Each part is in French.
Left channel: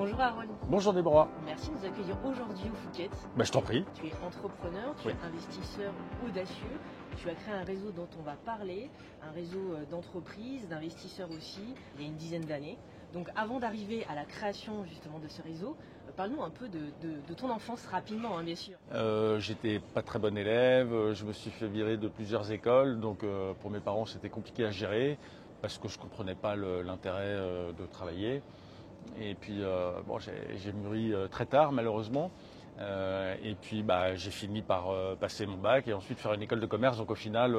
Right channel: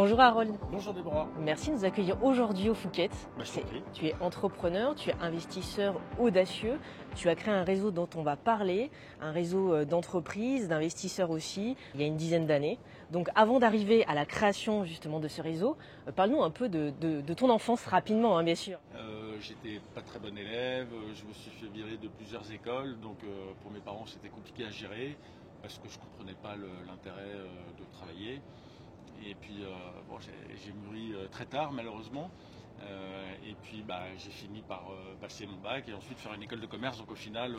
Bonjour Harold, Bonjour Déborah. merci de nous accueillir aujourd'hui au Phuket. Je t'en prie. Tu es entrepreneur, tu es investisseur audacieux, tu as créé un réseau dont on va parler, un réseau d'entreprises, d'investisseurs aussi, il y a une dizaine d'années. Donc avant d'arriver à la création justement de ce réseau, parle-nous un peu de ton enfance rapidement, bien sûr. J'étais pas très bon élève, je me suis fait virer de plusieurs écoles, donc pour mes parents c'était compliqué à gérer parce que je comprenais pas l'intérêt de travailler. Et puis j'ai mûri très tard malheureusement. Et puis j'ai fini par passer mon bac et ensuite faire une école de commerce. Donc au final,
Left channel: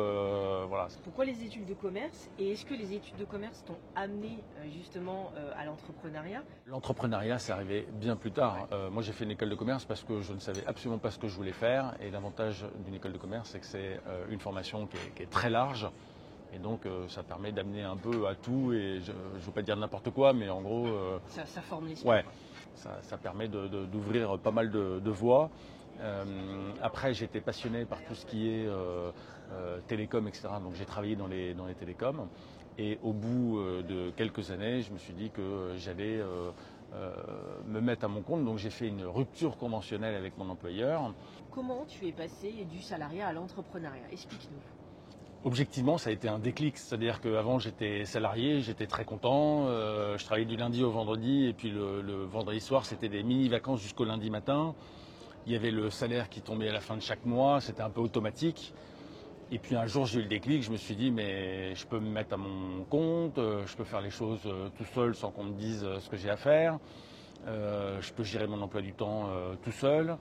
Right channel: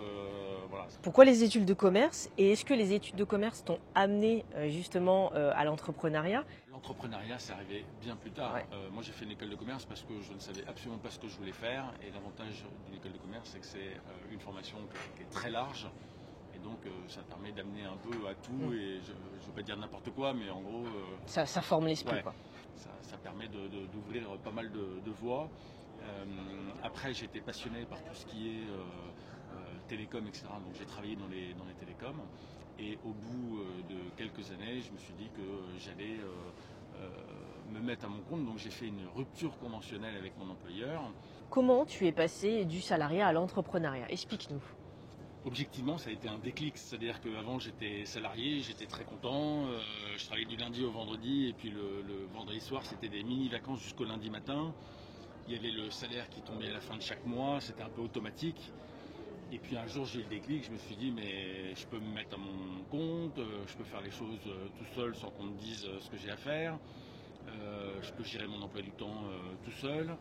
voilà. Pourquoi les études de commerce et est-ce que les études de commerce t'ont amené justement à l'entrepreneuriat? L'entrepreneuriat, c'est arrivé bien plus tard. Ouais. Moi, j'ai fait une école de commerce parce que je ne savais absolument pas ce que je voulais faire. Et l'avantage d'une école de commerce, c'est que c'est une formation qui est très large. Et donc, ça permet d'amener un peu à tout. Et je ne veux pas dire n'importe quoi, mais en gros, Ça forme l'esprit. ouais, Quoi. ça permet d'ouvrir pas mal de voies. Après, j'étais passionné par tout ce qui est télécom, etc. Donc, j'ai travaillé dans les télécoms. Et au bout de quelques années, je me suis dit que j'allais me mettre à mon compte. Donc, j'ai fait une rupture conventionnelle avec mon employeur. Comment tu es passé du salariat à l'entrepreneuriat? Explique-nous. Objectivement, ça a été un déclic. C'est-à-dire qu'avant, j'étais salarié, j'étais très content. Je travaillais du lundi au vendredi. Et puis, le vendredi soir, c'était des mini-vacances jusqu'au lundi matin. Il y avait le salaire qui tombait à la fin de chaque mois. C'était un peu automatique. Et puis un jour, j'ai eu le déclic, je me suis dit, mais je peux me mettre à mon compte, je peux faire les choses tout seul sans qu'on me dise ce que j'ai à faire, je peux gérer mon emploi du temps tout seul.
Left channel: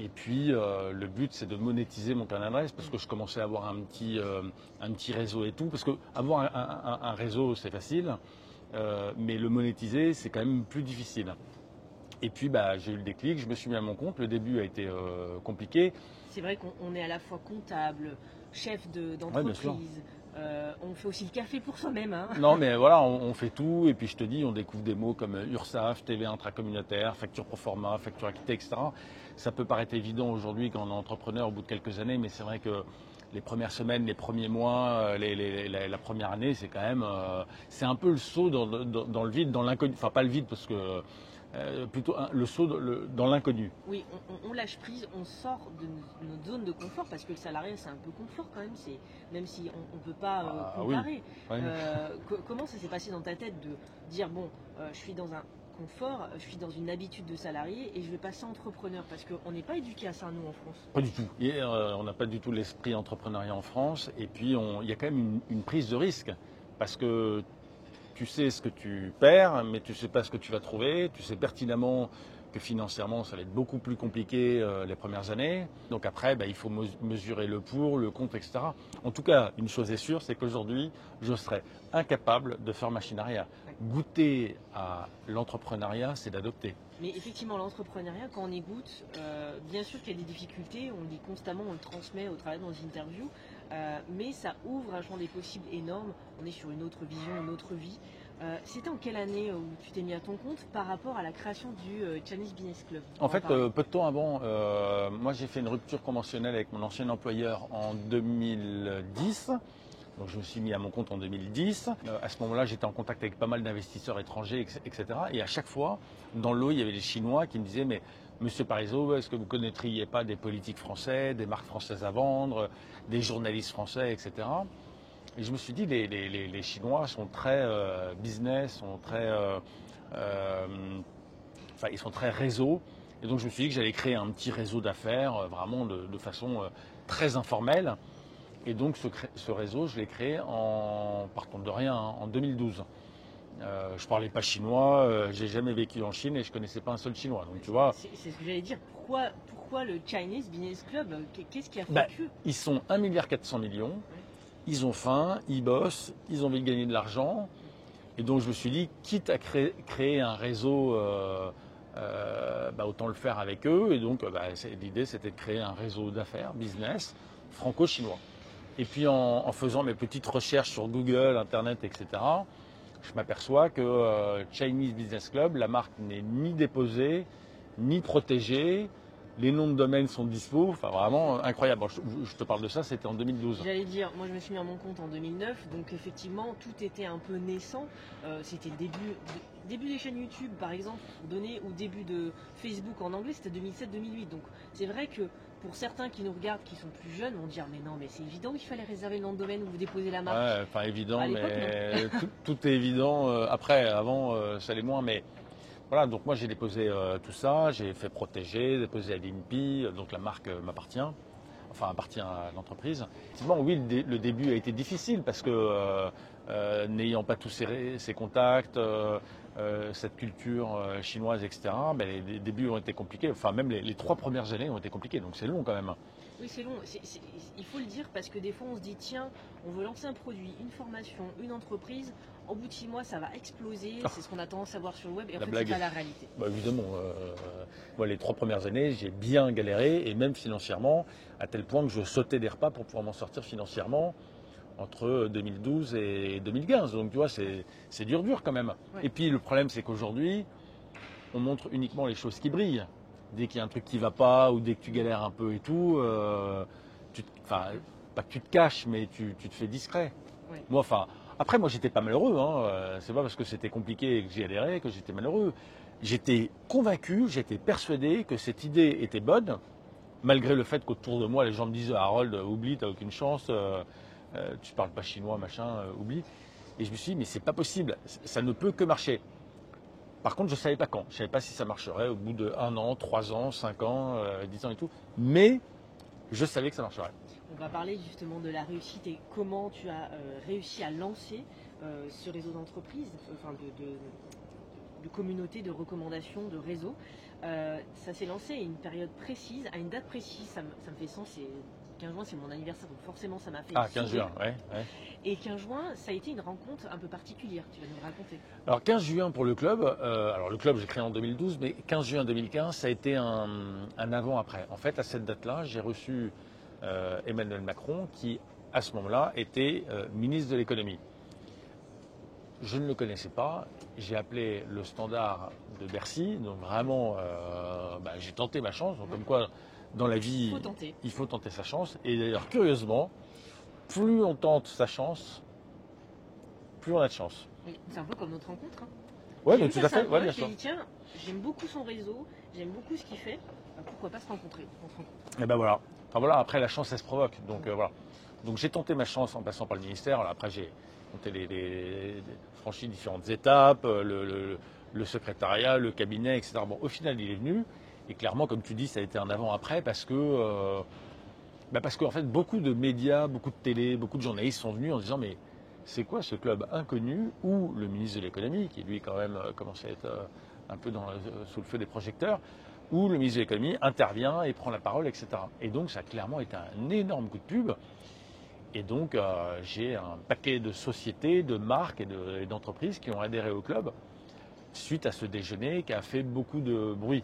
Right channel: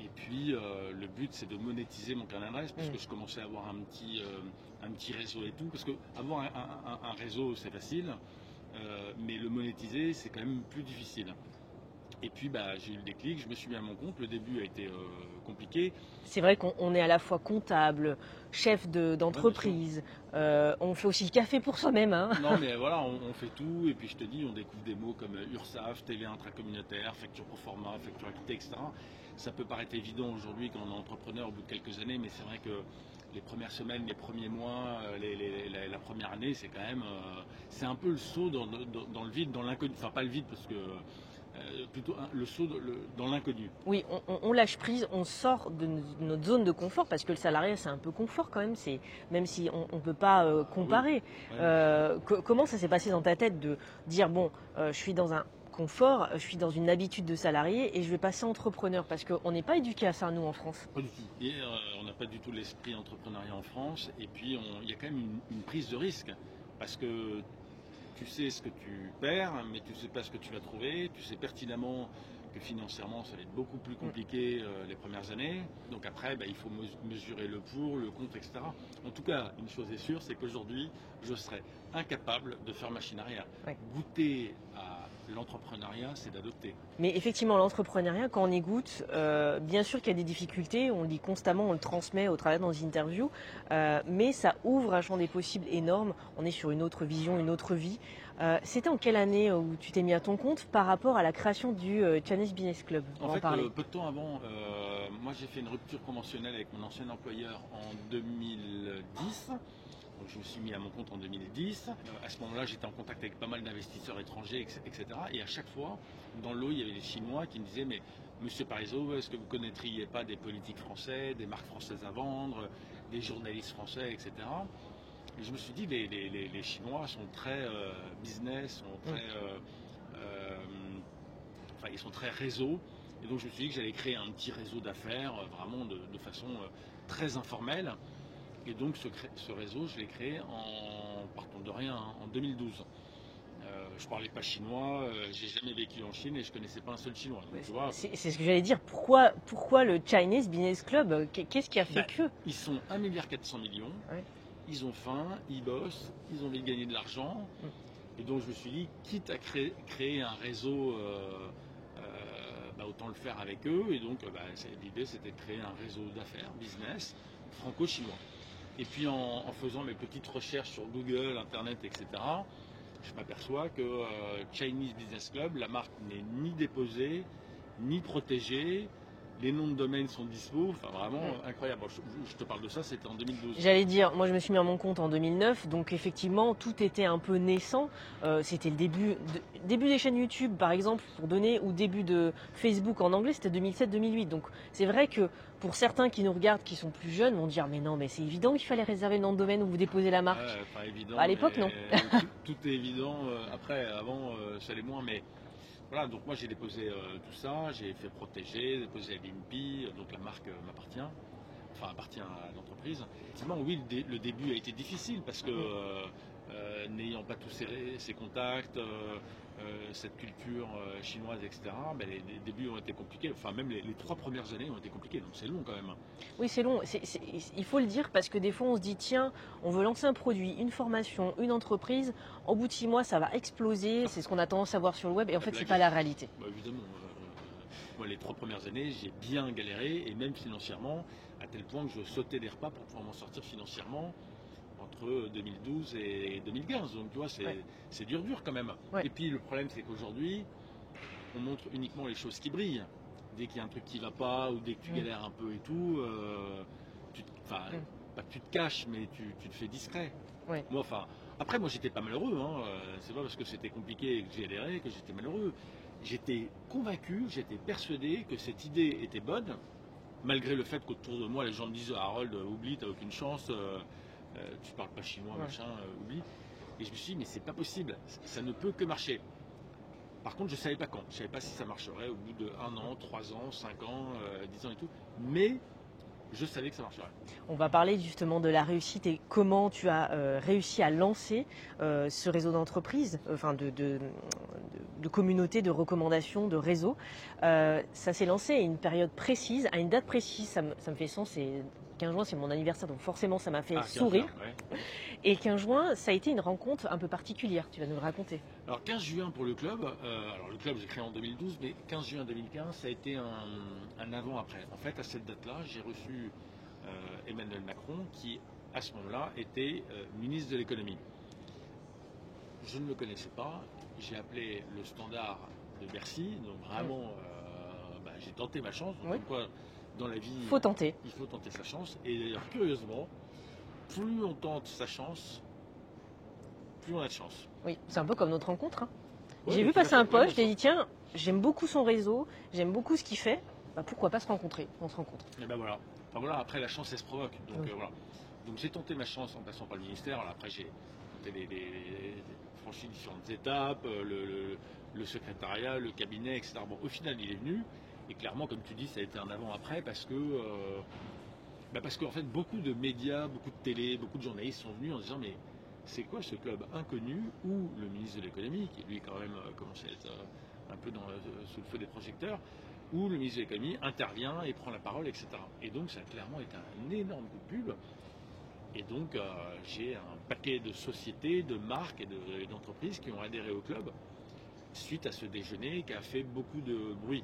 Et puis le but, c'est de monétiser mon carnet d'adresse parce que je commençais à avoir un petit réseau et tout. Parce que avoir un réseau, c'est facile, mais le monétiser, c'est quand même plus difficile. Et puis j'ai eu le déclic, je me suis mis à mon compte. Le début a été compliqué. C'est vrai qu'on est à la fois comptable, chef d'entreprise, on fait aussi le café pour soi-même. Hein. Non mais voilà, on fait tout et puis je te dis, on découvre des mots comme URSSAF, TVA intracommunautaire, facture pro forma, facture acquittée, etc. Ça peut paraître évident aujourd'hui quand on est entrepreneur au bout de quelques années, mais c'est vrai que les premières semaines, les premiers mois, la première année, c'est quand même, c'est un peu le saut dans le vide, dans l'inconnu. Enfin pas le vide parce que plutôt le saut dans l'inconnu. Oui, on lâche prise, on sort de notre zone de confort parce que le salariat c'est un peu confort quand même, même si on ne peut pas comparer. Oui. Ouais. Comment ça s'est passé dans ta tête de dire bon, je suis dans un confort, je suis dans une habitude de salarié et je vais passer entrepreneur parce qu'on n'est pas éduqué à ça nous en France. Pas du tout. Et, on n'a pas du tout l'esprit entrepreneuriat en France et puis il y a quand même une prise de risque parce que tu sais ce que tu perds, mais tu ne sais pas ce que tu vas trouver. Tu sais pertinemment que financièrement, ça va être beaucoup plus compliqué les premières années. Donc après, il faut mesurer le pour, le contre, etc. En tout cas, une chose est sûre, c'est qu'aujourd'hui, je serais incapable de faire machine arrière. Ouais. Goûter à l'entrepreneuriat, c'est d'adopter. Mais effectivement, l'entrepreneuriat, quand on y goûte, bien sûr qu'il y a des difficultés, on le dit constamment, on le transmet au travers de nos interviews, mais ça ouvre un champ des possibles énorme. On est sur une autre vision, une autre vie. C'était en quelle année où tu t'es mis à ton compte par rapport à la création du Chinese Business Club? En fait, peu de temps avant, moi j'ai fait une rupture conventionnelle avec mon ancien employeur en 2010. Donc je me suis mis à mon compte en 2010. À ce moment-là, j'étais en contact avec pas mal d'investisseurs étrangers, etc. Et à chaque fois, dans le lot, il y avait les Chinois qui me disaient, mais Monsieur Parizeau, est-ce que vous ne connaîtriez pas des politiques français, des marques françaises à vendre, des journalistes français, etc. Et je me suis dit, les Chinois sont très business, sont très, ils sont très réseau. Et donc je me suis dit que j'allais créer un petit réseau d'affaires, vraiment de façon très informelle. Et donc ce réseau, je l'ai créé en partant de rien, en 2012. Je parlais pas chinois, j'ai jamais vécu en Chine et je connaissais pas un seul chinois. Donc tu vois. C'est ce que j'allais dire. Pourquoi le Chinese Business Club? Qu'est-ce qui a fait que? Ils sont 1,4 milliard. Ouais. Ils ont faim, ils bossent, ils ont envie de gagner de l'argent. Et donc je me suis dit, quitte à créer un réseau, autant le faire avec eux. Et donc l'idée c'était de créer un réseau d'affaires, business, franco-chinois. Et puis en faisant mes petites recherches sur Google, Internet, etc., je m'aperçois que Chinese Business Club, la marque n'est ni déposée, ni protégée. les noms de domaine sont dispo, enfin vraiment incroyable. Bon, je te parle de ça, c'était en 2012. J'allais dire, moi je me suis mis à mon compte en 2009, donc effectivement tout était un peu naissant. C'était le début des chaînes YouTube par exemple, pour donner, ou début de Facebook en anglais, c'était 2007-2008. Donc c'est vrai que pour certains qui nous regardent, qui sont plus jeunes, vont dire mais non, mais c'est évident qu'il fallait réserver le nom de domaine où vous déposez la marque. Ouais, enfin évident, À l'époque, mais tout est évident. Après, avant, ça allait moins, mais voilà, donc moi j'ai déposé tout ça, j'ai fait protéger, déposé à l'INPI, donc la marque m'appartient, enfin appartient à l'entreprise. Effectivement, oui, le début a été difficile parce que n'ayant pas tous ces contacts, cette culture chinoise, etc., ben, les débuts ont été compliqués, enfin même les 3 premières années ont été compliquées, donc c'est long quand même. Oui, c'est long. Il faut le dire parce que des fois, on se dit tiens, on veut lancer un produit, une formation, une entreprise. Au bout de 6 mois, ça va exploser. C'est ce qu'on a tendance à voir sur le web. Et en fait, c'est pas la réalité. Bah, évidemment. Moi, les 3 premières années, j'ai bien galéré, et même financièrement, à tel point que je sautais des repas pour pouvoir m'en sortir financièrement entre 2012 et 2015. Donc, tu vois, c'est dur quand même. Ouais. Et puis, le problème, c'est qu'aujourd'hui, on montre uniquement les choses qui brillent. Dès qu'il y a un truc qui ne va pas, ou dès que tu galères un peu et tout, pas que tu te caches, mais tu te fais discret. Ouais. Moi, après, moi, j'étais pas malheureux. C'est pas parce que c'était compliqué et que j'y adhérais que j'étais malheureux. J'étais convaincu, j'étais persuadé que cette idée était bonne, malgré le fait qu'autour de moi, les gens me disaient Harold, oublie, t'as aucune chance, tu parles pas chinois, machin, oublie. Et je me suis dit, mais c'est pas possible, ça ne peut que marcher. Par contre, je ne savais pas quand. Je ne savais pas si ça marcherait au bout de 1 an, 3 ans, 5 ans, 10 ans et tout. Mais je savais que ça marcherait. On va parler justement de la réussite et comment tu as réussi à lancer ce réseau d'entreprises, enfin de communautés, de recommandations, de réseaux. Ça s'est lancé à une période précise, à une date précise. Ça me fait sens. C'est 15 juin, c'est mon anniversaire, donc forcément ça m'a fait sourire. Juin, ouais. Et 15 juin, ça a été une rencontre un peu particulière, tu vas nous le raconter. Alors 15 juin pour le club, alors le club j'ai créé en 2012, mais 15 juin 2015, ça a été un avant-après. En fait, à cette date-là, j'ai reçu Emmanuel Macron, qui à ce moment-là était ministre de l'économie. Je ne le connaissais pas, j'ai appelé le standard de Bercy, donc vraiment j'ai tenté ma chance, donc comme quoi dans la vie, il faut tenter sa chance. Et d'ailleurs, curieusement, plus on tente sa chance, plus on a de chance. Oui, c'est un peu comme notre rencontre. Hein. Ouais, j'ai vu passer un post, j'ai dit tiens, j'aime beaucoup son réseau, j'aime beaucoup ce qu'il fait, pourquoi pas se rencontrer. On se rencontre. Et ben voilà. Enfin, voilà, après la chance, ça se provoque. Donc voilà. Donc j'ai tenté ma chance en passant par le ministère. Alors, après j'ai franchi différentes étapes, le secrétariat, le cabinet, etc. Bon, au final, il est venu. Et clairement, comme tu dis, ça a été un avant-après parce que en fait, beaucoup de médias, beaucoup de télé, beaucoup de journalistes sont venus en disant mais c'est quoi ce club inconnu où le ministre de l'économie, qui lui quand même commençait à être un peu sous le feu des projecteurs, où le ministre de l'économie intervient et prend la parole, etc. Et donc ça a clairement été un énorme coup de pub. Et donc j'ai un paquet de sociétés, de marques et d'entreprises qui ont adhéré au club suite à ce déjeuner qui a fait beaucoup de bruit.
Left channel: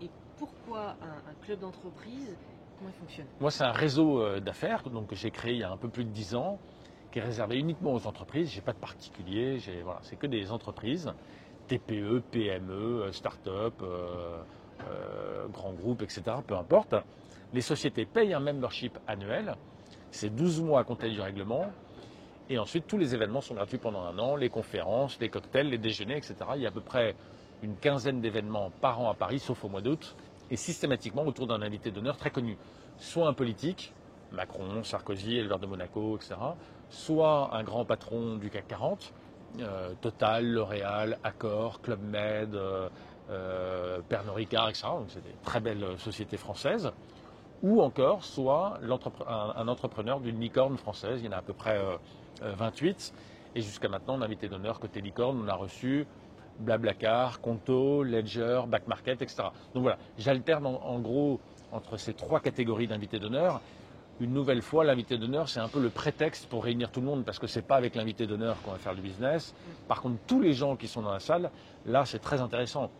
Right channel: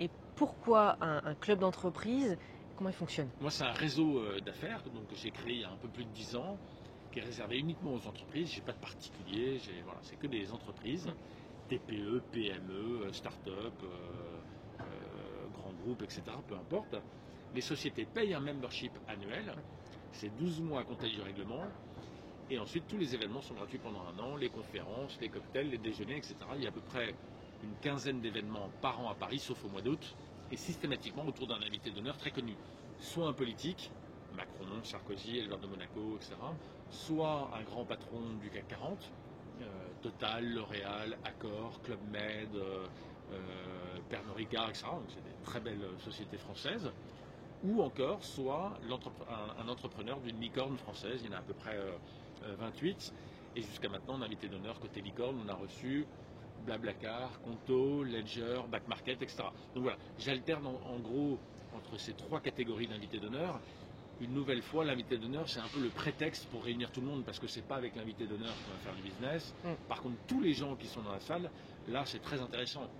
Et pourquoi un club d'entreprise? Comment il fonctionne? Moi, c'est un réseau d'affaires que j'ai créé il y a un peu plus de 10 ans, qui est réservé uniquement aux entreprises. Je n'ai pas de particuliers, c'est que des entreprises, TPE, PME, start-up, grands groupes, etc. Peu importe. Les sociétés payent un membership annuel. C'est 12 mois à compter du règlement. Et ensuite, tous les événements sont gratuits pendant 1 an. Les conférences, les cocktails, les déjeuners, etc. Il y a à peu près une quinzaine d'événements par an à Paris, sauf au mois d'août. Et systématiquement autour d'un invité d'honneur très connu. Soit un politique, Macron, Sarkozy, éleveur de Monaco, etc. Soit un grand patron du CAC 40, Total, L'Oréal, Accor, Club Med, Pernod Ricard, etc. Donc c'est des très belles sociétés françaises. Ou encore, soit un entrepreneur d'une licorne française. Il y en a à peu près 28. Et jusqu'à maintenant, en invité d'honneur côté licorne, on a reçu Blablacar, Conto, Ledger, Back Market, etc. Donc voilà, j'alterne en gros entre ces 3 catégories d'invités d'honneur. Une nouvelle fois, l'invité d'honneur, c'est un peu le prétexte pour réunir tout le monde parce que c'est pas avec l'invité d'honneur qu'on va faire du business. Par contre, tous les gens qui sont dans la salle, là, c'est très intéressant.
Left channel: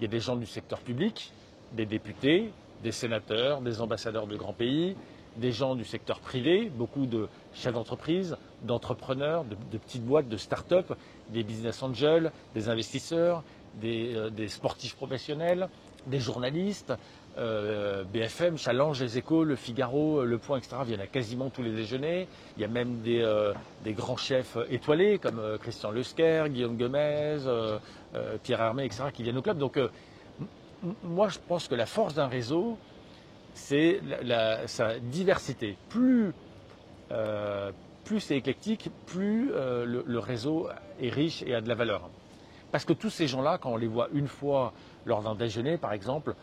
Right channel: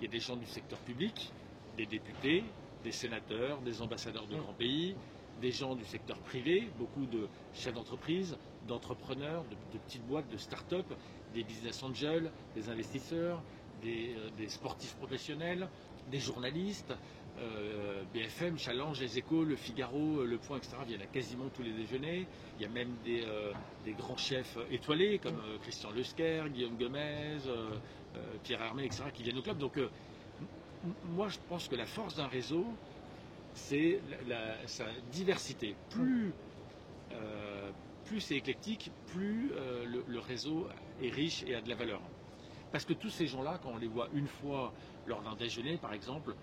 Il y a des gens du secteur public, des députés, des sénateurs, des ambassadeurs de grands pays, des gens du secteur privé, beaucoup de chefs d'entreprise, d'entrepreneurs, de petites boîtes, de start-up, des business angels, des investisseurs, des sportifs professionnels, des journalistes, BFM, Challenge, Les Échos, Le Figaro, Le Point, etc. viennent à quasiment tous les déjeuners. Il y a même des grands chefs étoilés comme Christian Lesquer, Guillaume Gomez, Pierre Hermé, etc. qui viennent au club. Donc moi je pense que la force d'un réseau, c'est sa diversité. Plus c'est éclectique, plus le réseau est riche et a de la valeur. Parce que tous ces gens-là, quand on les voit une fois lors d'un déjeuner, par exemple,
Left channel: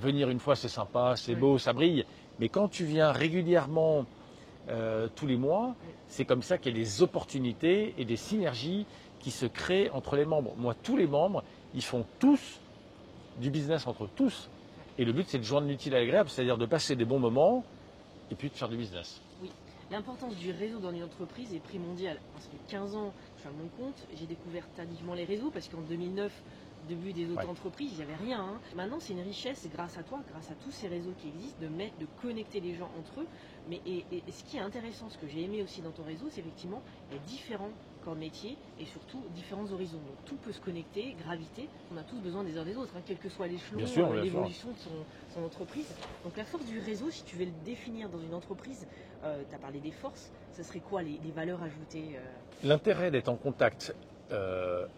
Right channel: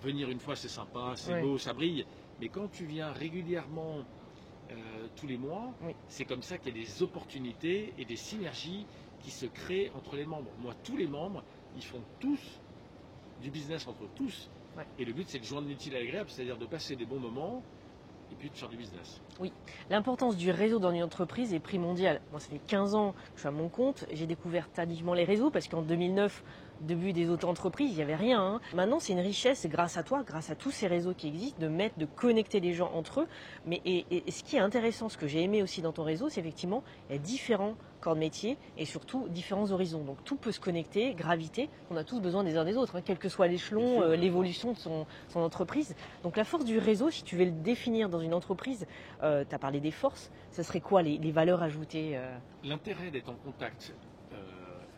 venir une fois, c'est sympa, c'est beau, ça brille. Mais quand tu viens régulièrement tous les mois, c'est comme ça qu'il y a des opportunités et des synergies qui se créent entre les membres. Moi, tous les membres, ils font tous du business entre eux, tous. Ouais. Et le but, c'est de joindre l'utile à l'agréable, c'est-à-dire de passer des bons moments et puis de faire du business. Oui, l'importance du réseau dans une entreprise est primordiale. Moi, ça fait 15 ans que je suis à mon compte. J'ai découvert tardivement les réseaux parce qu'en 2009, début des auto-entreprises, il n'y avait rien. Hein. Maintenant, c'est une richesse grâce à toi, grâce à tous ces réseaux qui existent, de connecter les gens entre eux. Mais et ce qui est intéressant, ce que j'ai aimé aussi dans ton réseau, c'est effectivement il y a différents corps de métier et surtout différents horizons. Donc tout peut se connecter, graviter. On a tous besoin des uns des autres, hein, quel que soit l'échelon, l'évolution de son entreprise. Donc la force du réseau, si tu veux le définir dans une entreprise, tu as parlé des forces, ce serait quoi les valeurs ajoutées L'intérêt d'être en contact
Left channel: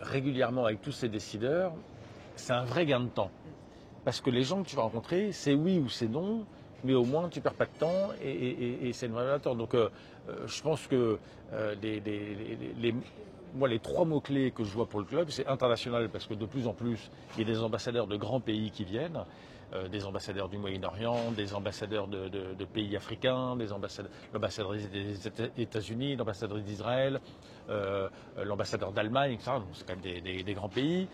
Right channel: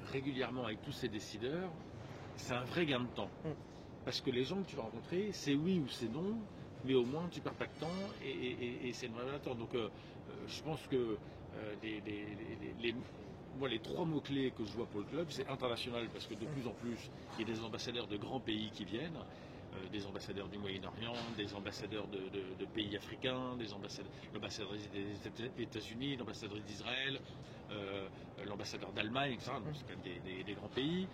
régulièrement avec tous ces décideurs, c'est un vrai gain de temps. Parce que les gens que tu vas rencontrer, c'est oui ou c'est non, mais au moins tu ne perds pas de temps et c'est une vraie valeur. Donc je pense que moi, les trois mots-clés que je vois pour le club, c'est international, parce que de plus en plus, il y a des ambassadeurs de grands pays qui viennent, des ambassadeurs du Moyen-Orient, des ambassadeurs de pays africains, l'ambassadrice des États-Unis, l'ambassadrice d'Israël, l'ambassadeur d'Allemagne, etc. Donc, c'est quand même des grands pays.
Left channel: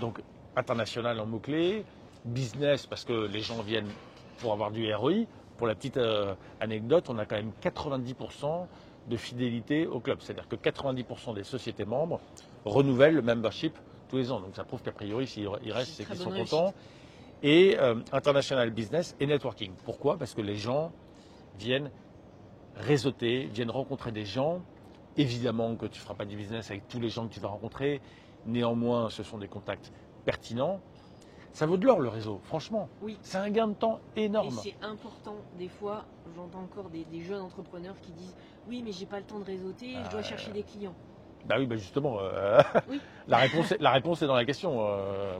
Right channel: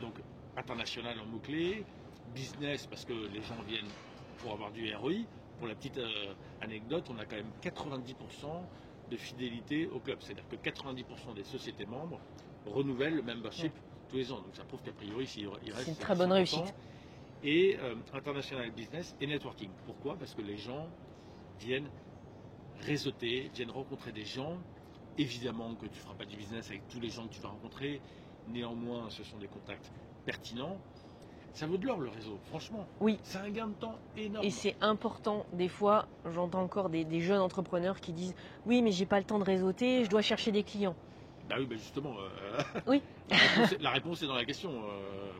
Donc, international en mots-clés, business, parce que les gens viennent pour avoir du ROI. Pour la petite anecdote, on a quand même 90% de fidélité au club. C'est-à-dire que 90% des sociétés membres renouvellent le membership tous les ans. Donc ça prouve qu'a priori, s'il reste, c'est qu'ils sont contents. Et international business et networking. Pourquoi? Parce que les gens viennent réseauter, viennent rencontrer des gens. Évidemment que tu ne feras pas du business avec tous les gens que tu vas rencontrer. Néanmoins, ce sont des contacts pertinents. Ça vaut de l'or, le réseau, franchement. Oui. C'est un gain de temps énorme. Et c'est important. Des fois, j'entends encore des jeunes entrepreneurs qui disent « Oui, mais j'ai pas le temps de réseauter, je dois chercher des clients. » Bah oui, bah justement, oui. la réponse est dans la question.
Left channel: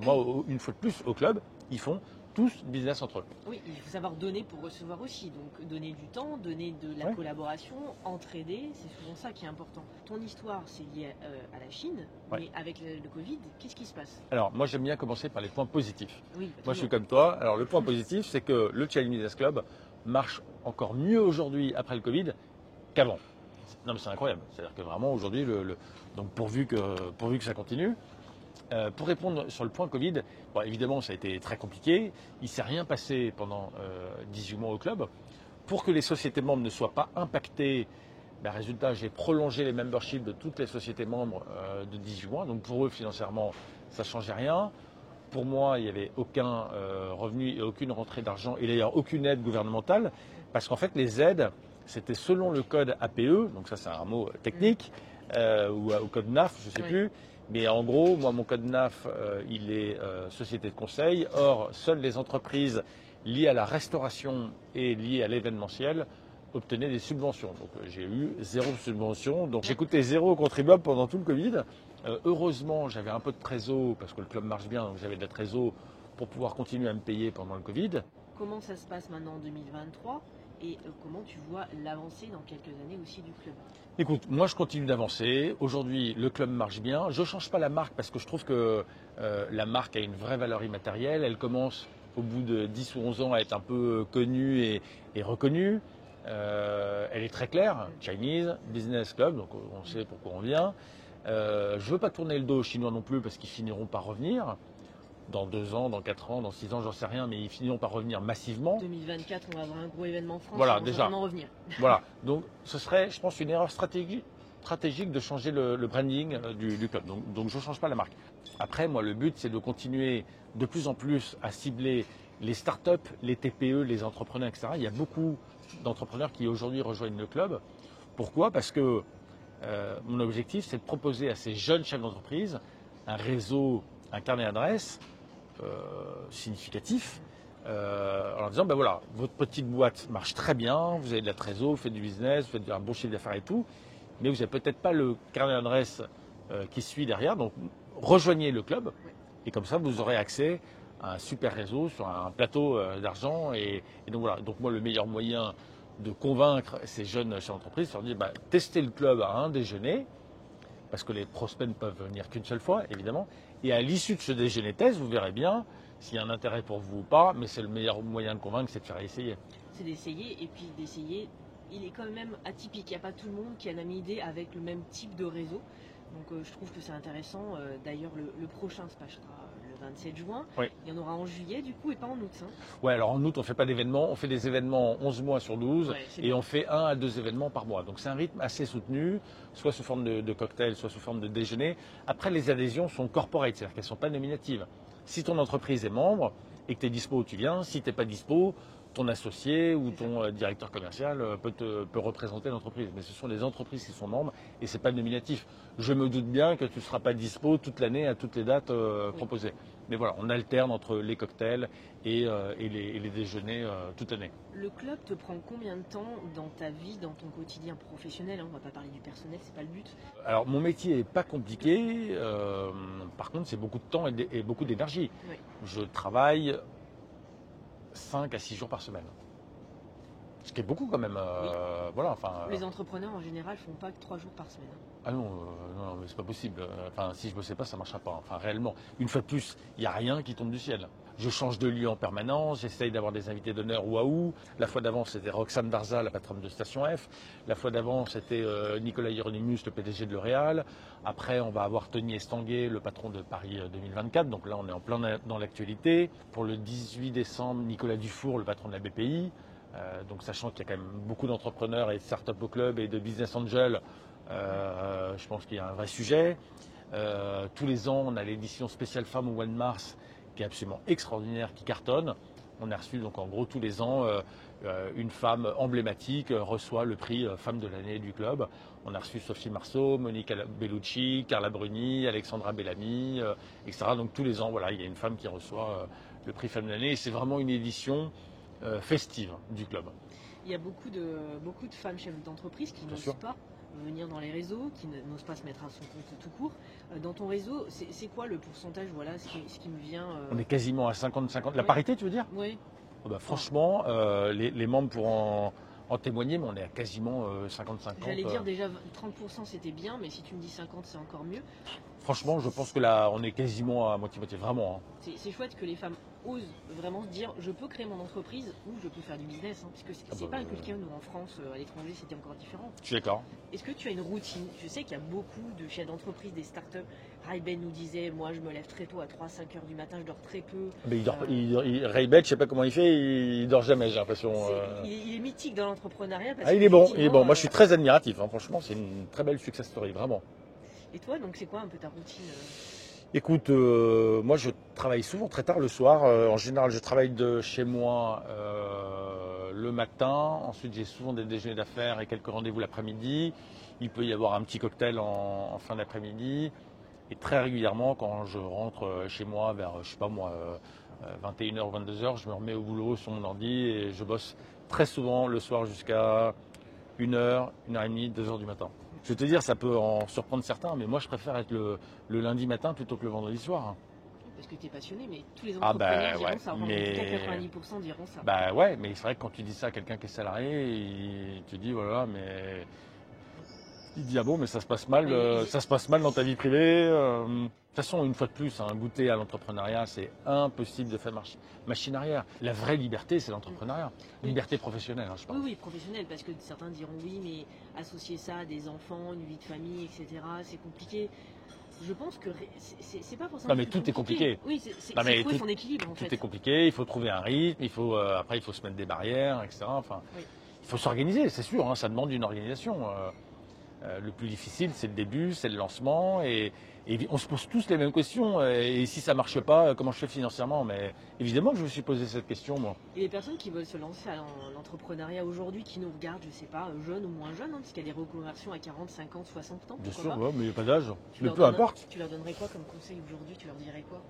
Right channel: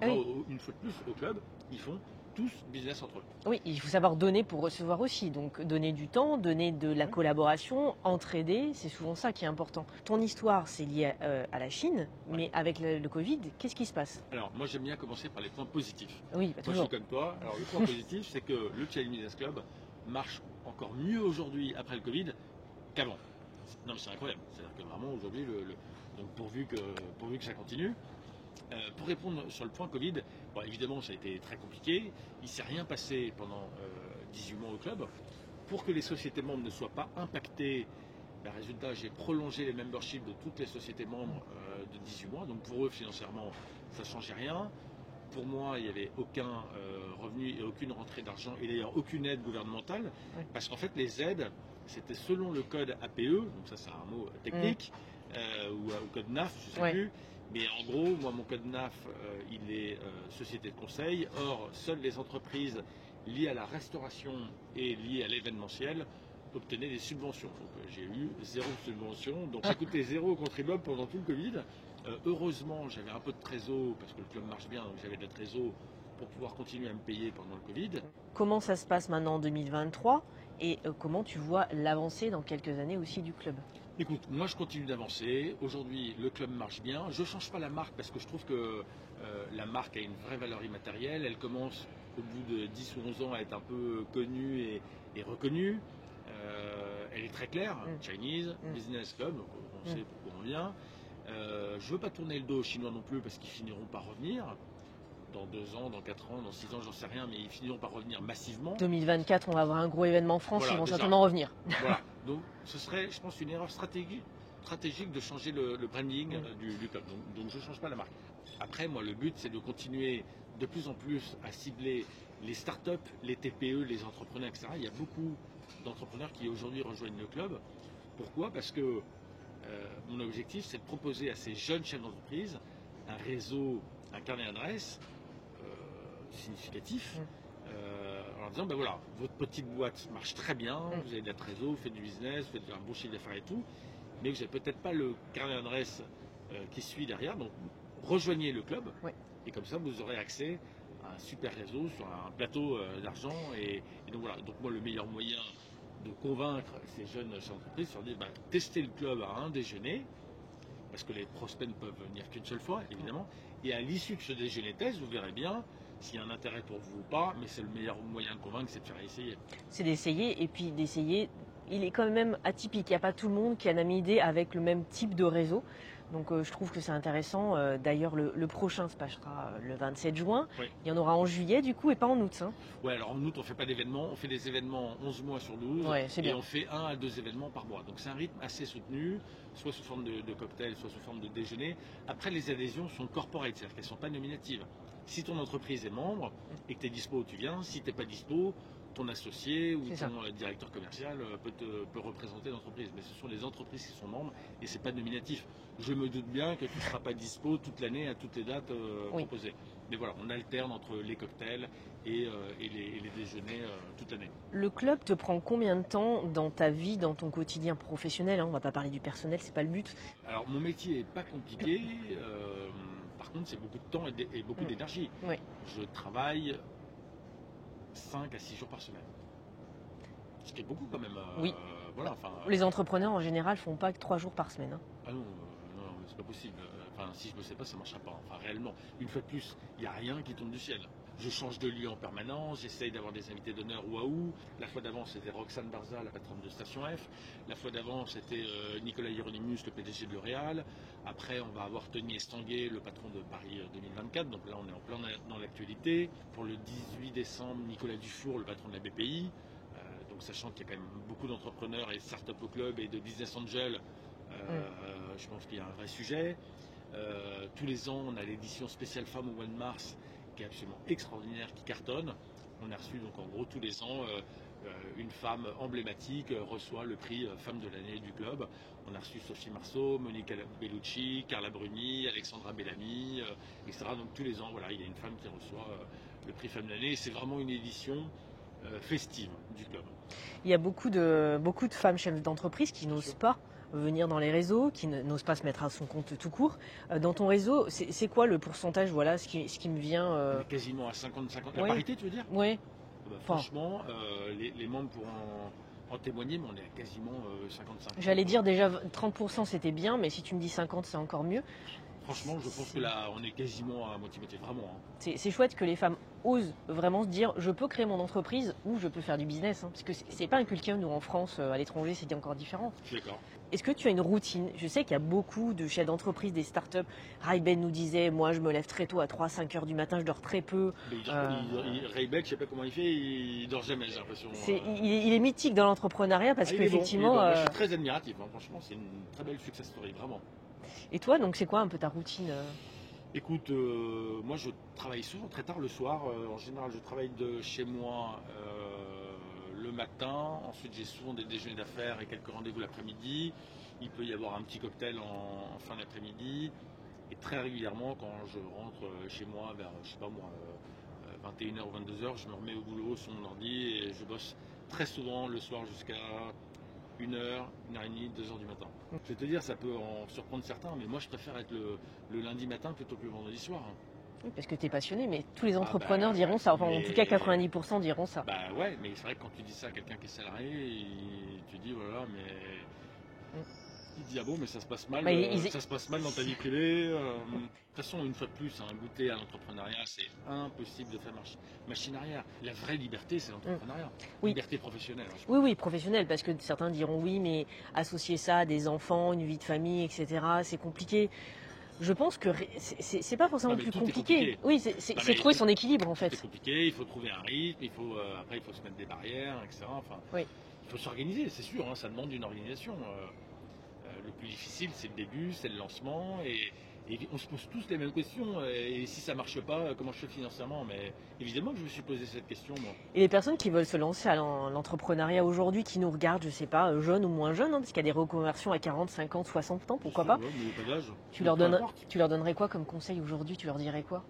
Moi, une fois de plus, au club, ils font tous business entre eux. Oui, il faut savoir donner pour recevoir aussi. Donc, donner du temps, donner de la collaboration, entraider, c'est souvent ça qui est important. Ton histoire, c'est lié à la Chine, mais avec le Covid, qu'est-ce qui se passe? Alors, moi, j'aime bien commencer par les points positifs. Oui, moi, je suis comme toi. Alors, le point positif, c'est que le Challenge Business Club marche encore mieux aujourd'hui, après le Covid, qu'avant. Non, mais c'est incroyable. C'est-à-dire que vraiment, aujourd'hui, donc pourvu que ça continue. Pour répondre sur le point Covid, bon, évidemment, ça a été très compliqué. Il ne s'est rien passé pendant 18 mois au club. Pour que les sociétés membres ne soient pas impactées, résultat, j'ai prolongé les memberships de toutes les sociétés membres de 18 mois. Donc pour eux, financièrement, ça ne changeait rien. Pour moi, il n'y avait aucun revenu et aucune rentrée d'argent, et d'ailleurs aucune aide gouvernementale. Parce qu'en fait, les aides, c'était selon le code APE, donc ça c'est un mot technique, ou au code NAF, je ne sais plus. Mais en gros, moi, mon code NAF, il est société de conseil. Or, seules les entreprises liées à la restauration et liées à l'événementiel obtenaient des subventions. Donc, j'ai eu 0 subvention. Donc, j'ai coûté 0 aux contribuables pendant tout le Covid. Heureusement, j'avais un peu de trésor, parce que le club marche bien, donc j'avais de la trésor pour pouvoir continuer à me payer pendant le Covid. Comment ça se passe maintenant en 2023 et comment tu vois l'avancée dans quelques années aussi du club? Écoute, moi je continue d'avancer. Aujourd'hui, le club marche bien. Je ne change pas la marque parce que je trouve que la marque a une vraie valeur immatérielle. Elle commence au bout de 10 ou 11 ans à être un peu connue et reconnue. Elle est très claire. Chinese Business Club, donc on sait pourquoi on vient. Je ne veux pas tourner le dos aux Chinois non plus parce qu'ils finiront par revenir. Dans 2 ans, dans 4 ans, dans 6 ans, j'en sais rien, mais ils finiront par revenir massivement. 2024, on va avoir un gros événement en France, ils vont certainement revenir. Voilà, donc ce serait, je pense, une erreur stratégique de changer le branding du club. Donc je ne change pas la marque. Après, moi, le but, c'est de continuer de plus en plus à cibler les startups, les TPE, les entrepreneurs, etc. Il y a beaucoup d'entrepreneurs qui aujourd'hui rejoignent le club. Pourquoi? Parce que mon objectif, c'est de proposer à ces jeunes chefs d'entreprise un réseau, un carnet d'adresses significatifs. En leur disant, ben voilà, votre petite boîte marche très bien, vous avez de la trésor, vous faites du business, vous faites un bon chiffre d'affaires et tout, mais vous n'avez peut-être pas le carnet d'adresse qui suit derrière, donc rejoignez le club, et comme ça vous aurez accès à un super réseau sur un plateau d'argent. Et donc voilà, donc moi le meilleur moyen de convaincre ces jeunes chefs d'entreprise, c'est de leur dire, testez le club à un déjeuner, parce que les prospects ne peuvent venir qu'une seule fois, évidemment, et à l'issue de ce déjeuner test, vous verrez bien s'il y a un intérêt pour vous ou pas, mais c'est le meilleur moyen de convaincre, c'est de faire essayer. C'est d'essayer, et puis d'essayer, il est quand même atypique. Il n'y a pas tout le monde qui a la même idée avec le même type de réseau. Donc je trouve que c'est intéressant. D'ailleurs, le prochain se passera le 27 juin. Oui. Il y en aura en juillet, du coup, et pas en août. Hein. Ouais, alors en août, on ne fait pas d'événements. On fait des événements 11 mois sur 12. Et bien. On fait 1 à 2 événements par mois. Donc c'est un rythme assez soutenu, soit sous forme de cocktail, soit sous forme de déjeuner. Après, les adhésions sont corporate, c'est-à-dire qu'elles ne sont pas nominatives. Si ton entreprise est membre et que tu es dispo, tu viens. Si tu n'es pas dispo, ton associé ou ton directeur commercial peut représenter l'entreprise. Mais ce sont les entreprises qui sont membres et ce n'est pas nominatif. Je me doute bien que tu ne seras pas dispo toute l'année à toutes les dates proposées. Mais voilà, on alterne entre les cocktails et les déjeuners toute l'année. Le club te prend combien de temps dans ta vie, dans ton quotidien professionnel, hein? On ne va pas parler du personnel, c'est pas le but. Alors mon métier n'est pas compliqué. Par contre, c'est beaucoup de temps et beaucoup d'énergie. Oui. Je travaille 5 à 6 jours par semaine. Ce qui est beaucoup quand même. Oui. Voilà, les entrepreneurs en général font pas que 3 jours par semaine. Hein. Ah non, mais c'est pas possible. Enfin, si je bossais pas, ça marchera pas. Enfin, réellement, une fois de plus, il n'y a rien qui tombe du ciel. Je change de lieu en permanence, j'essaye d'avoir des invités d'honneur waouh. La fois d'avant, c'était Roxane Darza, la patronne de Station F. La fois d'avant, c'était Nicolas Hieronymus, le PDG de L'Oréal. Après, on va avoir Tony Estanguet, le patron de Paris 2024. Donc là, on est en plein dans l'actualité. Pour le 18 décembre, Nicolas Dufour, le patron de la BPI. Donc sachant qu'il y a quand même beaucoup d'entrepreneurs et de start-up au club et de business angels, je pense qu'il y a un vrai sujet. Tous les ans, on a l'édition spéciale Femmes au mois de mars qui est absolument extraordinaire, qui cartonne. On a reçu donc en gros tous les ans une femme emblématique reçoit le prix Femme de l'année du club. On a reçu Sophie Marceau, Monica Bellucci, Carla Bruni, Alexandra Bellamy, etc. Donc tous les ans, voilà, il y a une femme qui reçoit le prix Femme de l'année et c'est vraiment une édition festive du club. Il y a beaucoup de femmes chefs d'entreprise qui n'osent pas venir dans les réseaux, qui n'osent pas se mettre à son compte tout court. Dans ton réseau, c'est quoi le pourcentage? Voilà, ce qui me vient. On est quasiment à 50-50. La parité, tu veux dire? Oui. Franchement, les membres pourront en témoigner, mais on est à quasiment 50-50. J'allais dire déjà 30% c'était bien, mais si tu me dis 50, c'est encore mieux. Franchement, je pense que là, on est quasiment à moitié-moitié, vraiment. Hein. C'est chouette que les femmes osent vraiment se dire je peux créer mon entreprise ou je peux faire du business. Hein, parce que c'est pas inculqué, nous en France, à l'étranger, c'était encore différent. Je suis d'accord. Est-ce que tu as une routine? Je sais qu'il y a beaucoup de chefs d'entreprise, des startups. Ray-Ben nous disait moi, je me lève très tôt à 3-5 heures du matin, je dors très peu. Mais Ray-Ben, je sais pas comment il fait, il dort jamais, j'ai l'impression. Il est mythique dans l'entrepreneuriat. Il est bon. Moi, je suis très admiratif. Hein. Franchement, c'est une très belle success story, vraiment. Et toi, donc, c'est quoi un peu ta routine? Écoute, moi je travaille souvent très tard le soir. En général, je travaille de chez moi le matin. Ensuite, j'ai souvent des déjeuners d'affaires et quelques rendez-vous l'après-midi. Il peut y avoir un petit cocktail en fin d'après-midi. Et très régulièrement, quand je rentre chez moi vers, 21h ou 22h, je me remets au boulot sur mon ordi et je bosse très souvent le soir jusqu'à 1h, 1h30, 2h du matin. Je vais te dire, ça peut en surprendre certains, mais moi je préfère être le lundi matin plutôt que le vendredi soir. Oui, parce que tu es passionné, mais tous les entrepreneurs diront ça. Enfin, en tout cas, 90% diront ça. Bah ouais, mais c'est vrai que quand tu dis ça à quelqu'un qui est salarié, tu dis voilà, mais il dit ah bon, mais ça se passe mal, ça se passe mal dans ta vie privée. De toute façon, une fois de plus, goûter à l'entrepreneuriat, c'est impossible de faire machine arrière. La vraie liberté, c'est l'entrepreneuriat. Oui. Liberté professionnelle. Hein, je pense. Oui, professionnelle, parce que certains diront oui, mais associer ça à des enfants, une vie de famille, etc., c'est compliqué. Je pense que c'est pas forcément plus compliqué. Tout est compliqué. Oui, c'est trouver son équilibre en fait. Tout est compliqué, il faut trouver un rythme, après il faut se mettre des barrières, etc. Enfin, oui. Il faut s'organiser, c'est sûr, hein, ça demande une organisation. Le plus difficile, c'est le début, c'est le lancement, et on se pose tous les mêmes questions. Et si ça ne marche pas, comment je fais financièrement? Mais évidemment que je me suis posé cette question, moi. Et les personnes qui veulent se lancer à l'entrepreneuriat aujourd'hui, qui nous regardent, je ne sais pas, jeunes ou moins jeunes, hein, parce qu'il y a des reconversions à 40, 50, 60 ans, pourquoi pas? Ouais, mais il n'y a pas d'âge. Tu leur donnerais quoi comme conseil aujourd'hui? Tu leur dirais quoi?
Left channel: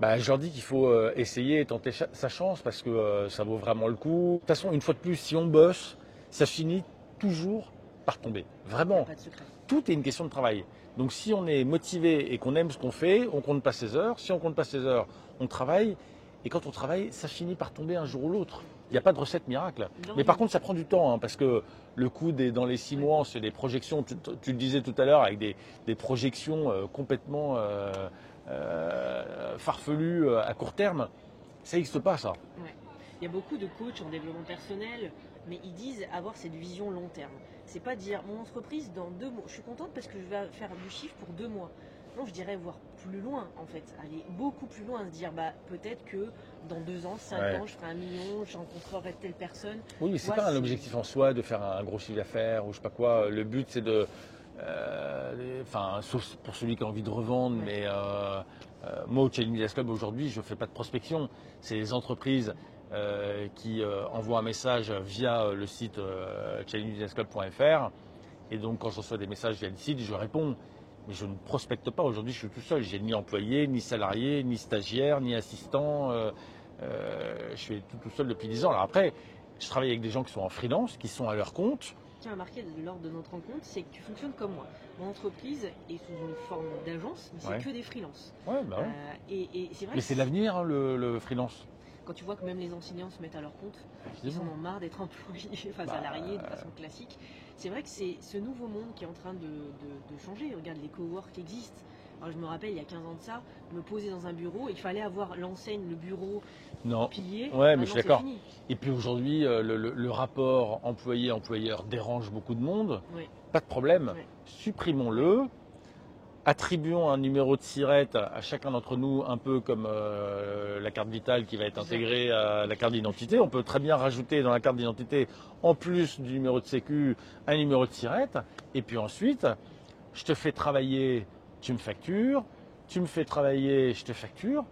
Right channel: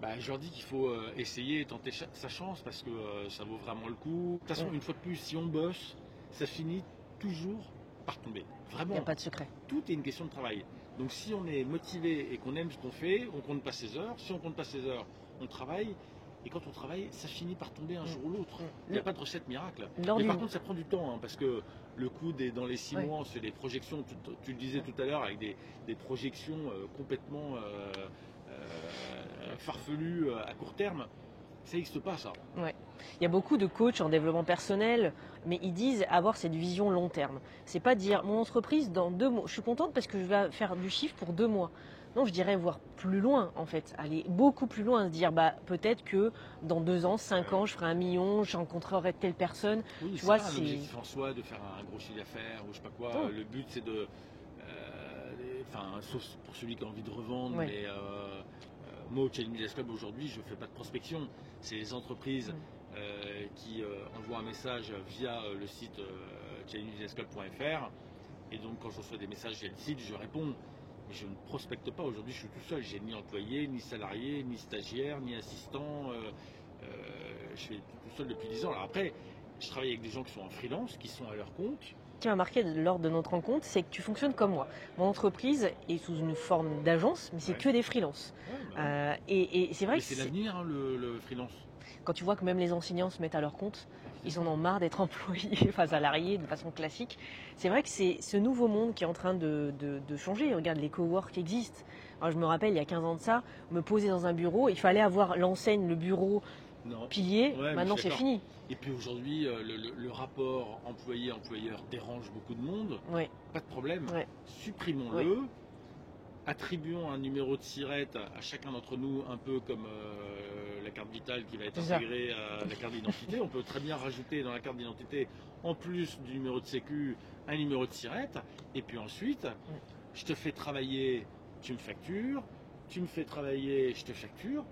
Bah, je leur dis qu'il faut essayer et tenter sa chance parce que ça vaut vraiment le coup. De toute façon, une fois de plus, si on bosse, ça finit toujours par tomber. Il n'y a Vraiment. pas de secret. Tout est une question de travail. Donc si on est motivé et qu'on aime ce qu'on fait, on compte pas ses heures. Si on compte pas ses heures, on travaille. Et quand on travaille, ça finit par tomber un jour ou l'autre. Il n'y a pas de recette miracle. Mais par contre, ça prend du temps hein, parce que le coût dans les 6 mois, c'est des projections. Tu le disais tout à l'heure avec des projections complètement farfelues à court terme. Ça n'existe pas ça. Ouais. Il y a beaucoup de coachs en développement personnel, mais ils disent avoir cette vision long terme. C'est pas dire mon entreprise dans 2 mois, je suis contente parce que je vais faire du chiffre pour 2 mois. Non, je dirais voir plus loin en fait, aller beaucoup plus loin, se dire bah peut-être que dans 2 ans, 5 ans, je ferai 1 million, je rencontrerai telle personne. Oui, c'est pas un objectif en soi de faire un gros chiffre d'affaires ou je sais pas quoi. Le but c'est de, sauf pour celui qui a envie de revendre, mais moi au Challenge Business Club aujourd'hui, je fais pas de prospection. C'est les entreprises qui envoient un message via le site challengebusinessclub.fr et donc quand je reçois des messages via le site, je réponds. Mais je ne prospecte pas. Aujourd'hui, je suis tout seul. J'ai ni employé, ni salarié, ni stagiaire, ni assistant. Je fais tout seul depuis 10 ans. Alors après, je travaille avec des gens qui sont en freelance, qui sont à leur compte. Ce qui m'a marqué lors de notre rencontre, c'est que tu fonctionnes comme moi. Mon entreprise est sous une forme d'agence, mais c'est que des freelances. Ouais, bah ouais. Et c'est vrai mais que c'est l'avenir, hein, le freelance. Quand tu vois que même les enseignants se mettent à leur compte, ils en ont marre d'être employés, enfin salariés de façon classique. C'est vrai que c'est ce nouveau monde qui est en train de changer. Regarde, les cowork existent. Alors, je me rappelle, il y a 15 ans de ça, me poser dans un bureau, il fallait avoir l'enseigne, le bureau, pilier. Maintenant, c'est fini. Et puis aujourd'hui, le rapport employé-employeur dérange beaucoup de monde. Oui. Pas de problème. Supprimons-le. Oui. Attribuons un numéro de SIRET à chacun d'entre nous, un peu comme la carte vitale qui va être intégrée à la carte d'identité. On peut très bien rajouter dans la carte d'identité, en plus du numéro de sécu, un numéro de SIRET. Et puis ensuite, je te fais travailler, tu me factures. Tu me fais travailler, je te facture.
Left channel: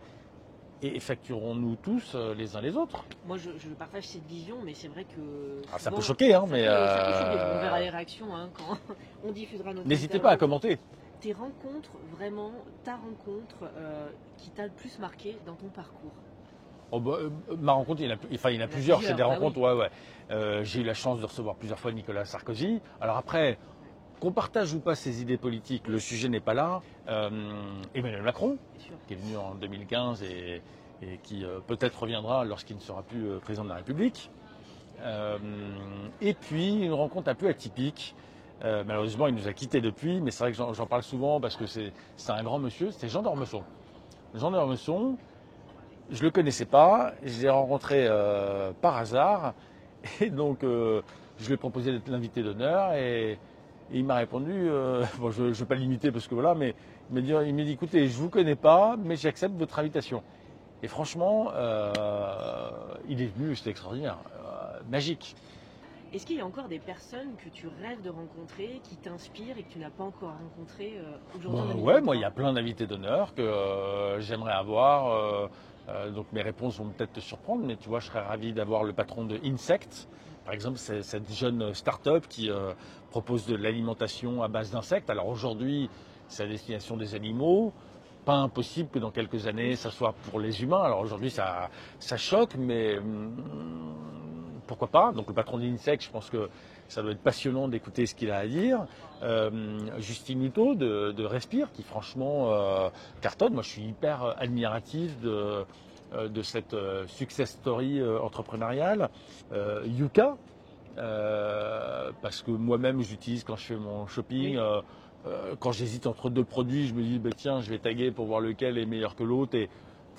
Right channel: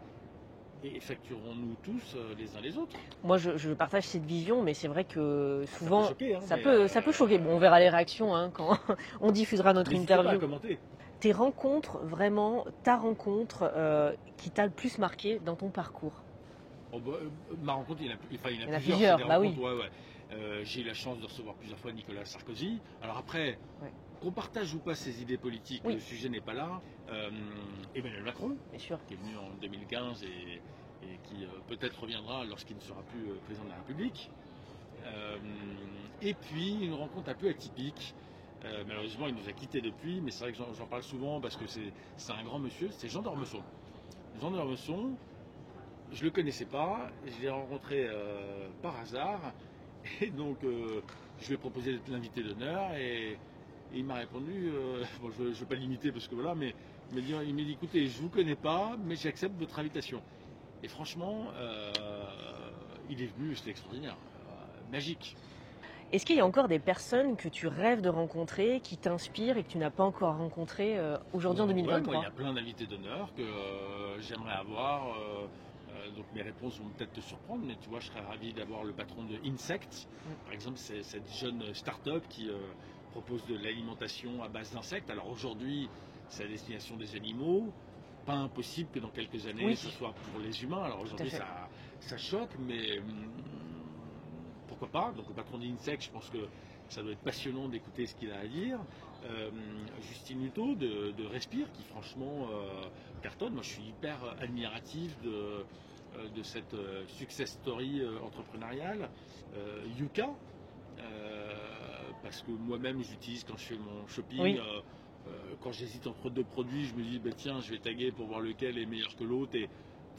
Et facturons-nous tous les uns les autres. Moi, je partage cette vision, mais c'est vrai que souvent, ça peut choquer. Hein, ça peut choquer. Bon, on verra les réactions hein, quand on diffusera notre interview. N'hésitez pas à commenter. Tes rencontres, vraiment, ta rencontre qui t'a le plus marqué dans ton parcours? Ma rencontre, il y en a plusieurs. C'est des rencontres, oui. J'ai eu la chance de recevoir plusieurs fois Nicolas Sarkozy. Alors après, qu'on partage ou pas ses idées politiques, le sujet n'est pas là. Emmanuel Macron, qui est venu en 2015 et qui peut-être reviendra lorsqu'il ne sera plus président de la République. Et puis une rencontre un peu atypique. Malheureusement, il nous a quittés depuis, mais c'est vrai que j'en parle souvent parce que c'est un grand monsieur, c'est Jean d'Ormesson. Jean d'Ormesson, je ne le connaissais pas, je l'ai rencontré par hasard, et donc je lui ai proposé d'être l'invité d'honneur, et il m'a répondu, bon, je ne vais pas l'imiter parce que voilà, mais il m'a dit écoutez, je ne vous connais pas, mais j'accepte votre invitation. Et franchement, il est venu, c'était extraordinaire, magique. Est-ce qu'il y a encore des personnes que tu rêves de rencontrer, qui t'inspirent et que tu n'as pas encore rencontrées aujourd'hui en 2023 ? Oui, moi il y a plein d'invités d'honneur que j'aimerais avoir. Donc mes réponses vont peut-être te surprendre, mais tu vois, je serais ravi d'avoir le patron de Insect. Par exemple, c'est cette jeune start-up qui propose de l'alimentation à base d'insectes. Alors aujourd'hui, c'est à destination des animaux. Pas impossible que dans quelques années, ça soit pour les humains. Alors aujourd'hui, ça choque, mais pourquoi pas. Donc le patron d'Insect, je pense que ça doit être passionnant d'écouter ce qu'il a à dire. Justine Hutto de Respire, qui franchement cartonne. Moi, je suis hyper admiratif de cette success story entrepreneuriale. Yuka, parce que moi-même, j'utilise quand je fais mon shopping. Quand j'hésite entre 2 produits, je me dis, tiens, je vais taguer pour voir lequel est meilleur que l'autre.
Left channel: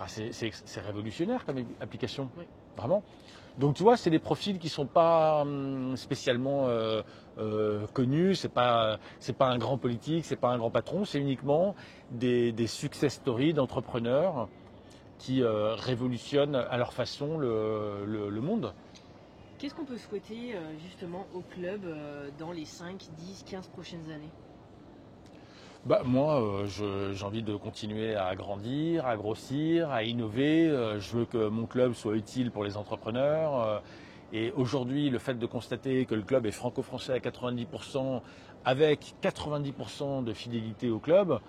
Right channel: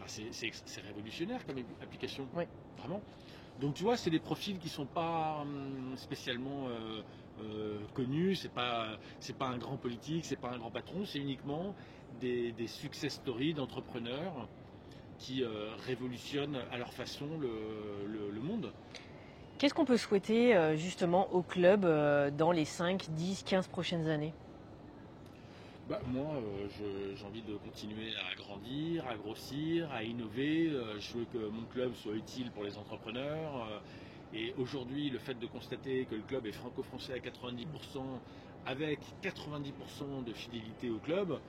C'est révolutionnaire comme application, vraiment. Donc tu vois, c'est des profils qui ne sont pas spécialement connus, c'est pas un grand politique, c'est pas un grand patron, c'est uniquement des success stories d'entrepreneurs qui révolutionnent à leur façon le monde. Qu'est-ce qu'on peut souhaiter justement au club dans les 5, 10, 15 prochaines années ? Moi, j'ai envie de continuer à grandir, à grossir, à innover. Je veux que mon club soit utile pour les entrepreneurs. Et aujourd'hui, le fait de constater que le club est franco-français à 90%, avec 90% de fidélité au club,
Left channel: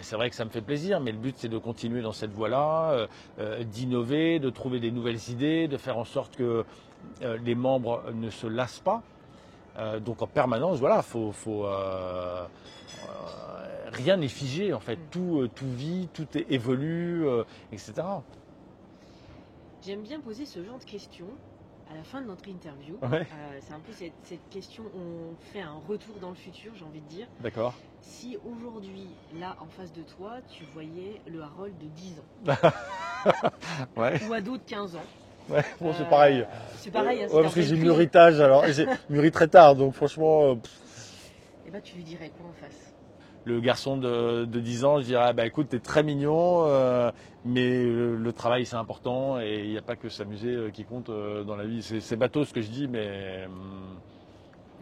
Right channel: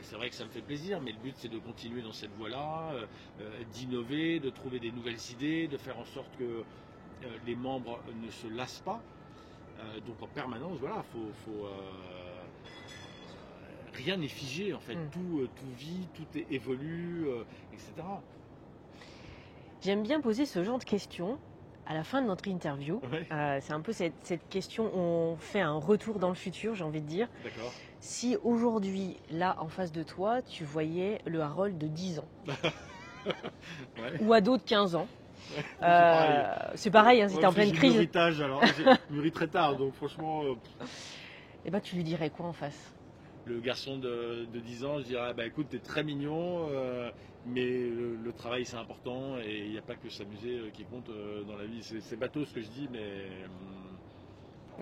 c'est vrai que ça me fait plaisir, mais le but c'est de continuer dans cette voie-là, d'innover, de trouver des nouvelles idées, de faire en sorte que les membres ne se lassent pas. Donc en permanence, voilà, rien n'est figé en fait, tout vit, tout évolue, etc. J'aime bien poser ce genre de questions à la fin de notre interview. Ouais. C'est un peu cette question, on fait un retour dans le futur, j'ai envie de dire. D'accord. Si aujourd'hui, là, en face de toi, tu voyais le Harold de 10 ans, Ouais. ou ado de 15 ans, Ouais, bon, c'est pareil. C'est pareil, hein, c'était en parce que pleine j'ai crise. mûri tard, alors j'ai mûri très tard, donc franchement, Et ben, tu lui dirais quoi en face? le garçon de 10 ans, je dirais, écoute, t'es très mignon, mais le travail c'est important et il n'y a pas que s'amuser qui compte dans la vie. C'est bateau ce que je dis, mais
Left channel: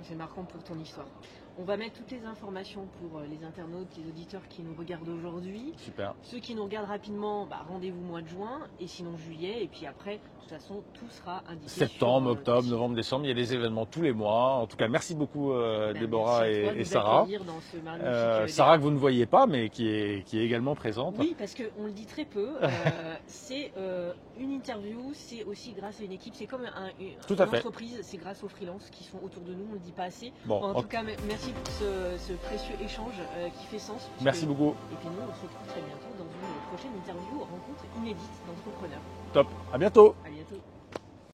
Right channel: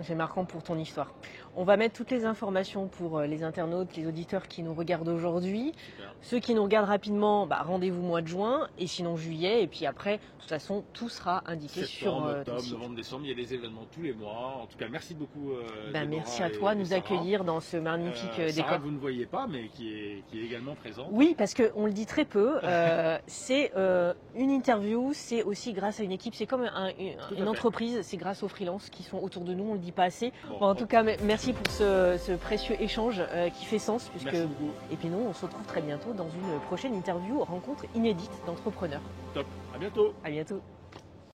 C'est marquant pour ton histoire. On va mettre toutes les informations pour les internautes, les auditeurs qui nous regardent aujourd'hui. super. Ceux qui nous regardent rapidement, rendez-vous mois de juin et sinon juillet. Et puis après, de toute façon, tout sera indiqué Septembre, sur ton octobre, site. novembre, décembre, il y a des événements tous les mois. En tout cas, merci beaucoup Déborah Merci à toi de et nous Sarah. accueillir dans ce magnifique Sarah décor. que vous ne voyez pas, mais qui est également présente. Oui, parce qu'on le dit très peu. C'est une interview, c'est aussi grâce à une équipe. C'est comme Tout une à fait. entreprise, c'est grâce aux freelances qui sont autour de nous. On ne le dit pas assez. Bon, En tout cas, merci pour ce précieux échange qui fait sens. Puisque... merci beaucoup. Et puis nous, on se retrouve très bientôt dans une prochaine interview, rencontre inédite d'entrepreneurs. Top. À bientôt. À bientôt.